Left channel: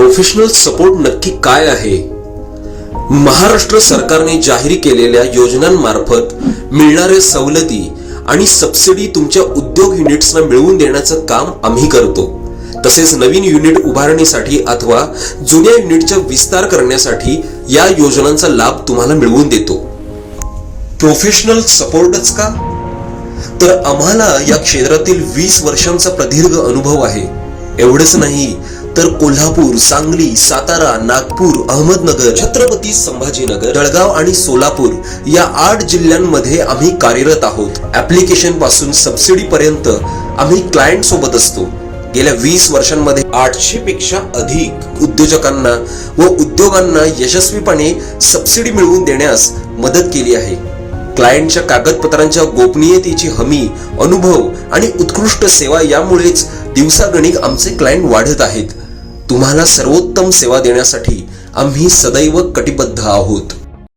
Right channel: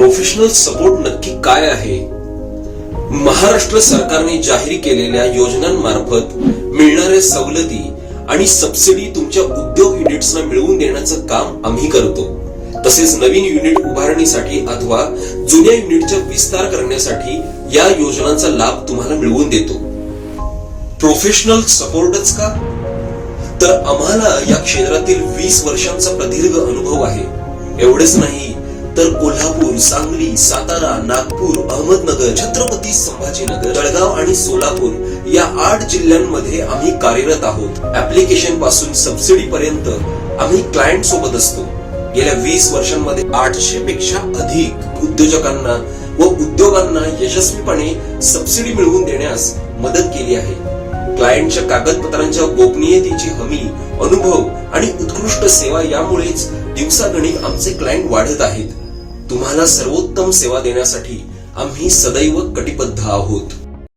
Professional support नक्की काय आहे? महाराष्ट्र सरकारने जाहीर केलेल्या योजनांमार्फत मिळणाऱ्या सवलती आणि सबसिडी तुमच्या उद्योग युनिट्सना मिळवून देण्याचं काम आम्ही करतो. तसेच नवीन युनिट उभारणीसाठी अथवा जुन्या युनिटचा विस्तार करण्यासाठी या योजनांचा लाभ तुम्हाला मिळवून देतो. प्रोफेशनल सपोर्टच का? तर आम्हाला या क्षेत्रातील 20 वर्षांचा प्रदीर्घ अनुभव आहे. एवढंच नाही तर कोल्हापूर, सांगली, सातारा, नागपूर, अहमदनगर, छत्रपती संभाजीनगर, जळगाव आणि सोलापूर या 8 जिल्ह्यांमध्ये आम्ही कार्यरत आहोत. ऍप्लिकेशन पासून सबसिडी पर्यंत आम्ही क्लायंट सोबत असतो. गेल्या 20 वर्षांमध्ये 800 पेक्षा अधिक उद्योजकांना व उद्योगांना यशस्वीपणे सबसिडी मिळवून देण्यास मदत केली आहे. क्लायंटच्या कागदपत्रांच्या गोपनीयतेची हमी, अनुभव आणि उत्कृष्ट सेवा यामुळेच दिवसागणिक आमचे क्लायंट वाढत आहेत. तुम्हाला सर्वोत्तम सेवा देण्यासाठी आम्ही सदैव कटिबद्ध आहोत.